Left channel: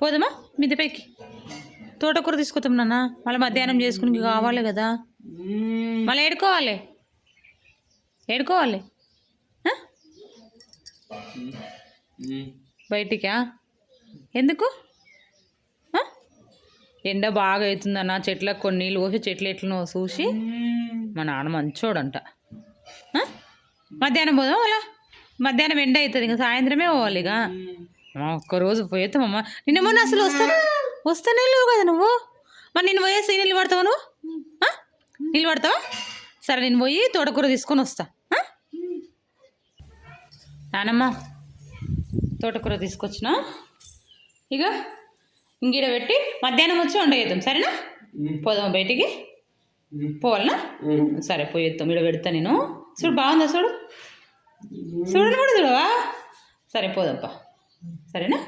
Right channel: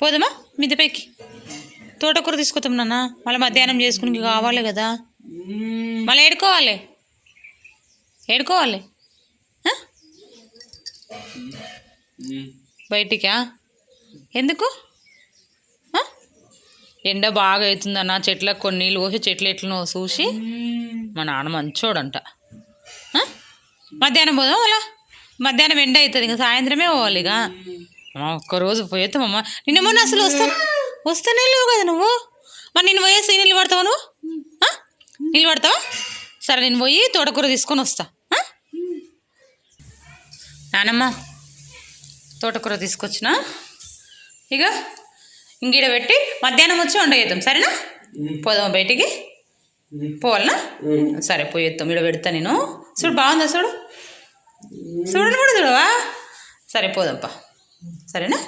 పోదామా మిద్దెపైకి? తోటకూర తీసుకొస్తాం నాన్న, మళ్ళీ మధ్యాహ్నం చేసుకుని కావాలి కదా. మళ్ళీ ఏడుకోవాలి బయటికా? ఎందుకు? ఎండ బాగా అవుతుందన్న, చెట్లకు కొన్ని నీళ్ళు పోసి చెట్లు ఎట్లనో చూసి. మా నాన్న మంచోడంట. మధ్యాహ్నం పోదాం అలా, మధ్యాహ్నం ఎండ అవుతుంది, ఇంకా సాయంత్రమే పోవాలి. ఇక ఒక్కరోజు పోయేస్తామమ్మ. నిన్న మొన్న అసలు వస్తానే లేవు కదా నువ్వు. మరి నేను పోయేసి నీళ్ళు పడతావా నువ్వు? నీళ్ళు పడతావా? సరే నేను పోయి తోటకూర తీసుకొని వస్తా. నానమ్మ తోటకూర తీసుకొచ్చిన, ఇక ఇంగిడ పెట్టి మధ్యాహ్నం వచ్చి వండేద్దాం. సరేనా? పోదామా బయటికి? పోవాలనా? సరే పోయేద్దాం. ఇక్కడ పెడతా నేను. చూడు బాగుందా? చూడు కూడా చూడవా? సరే పోదాంపా. సరేనా?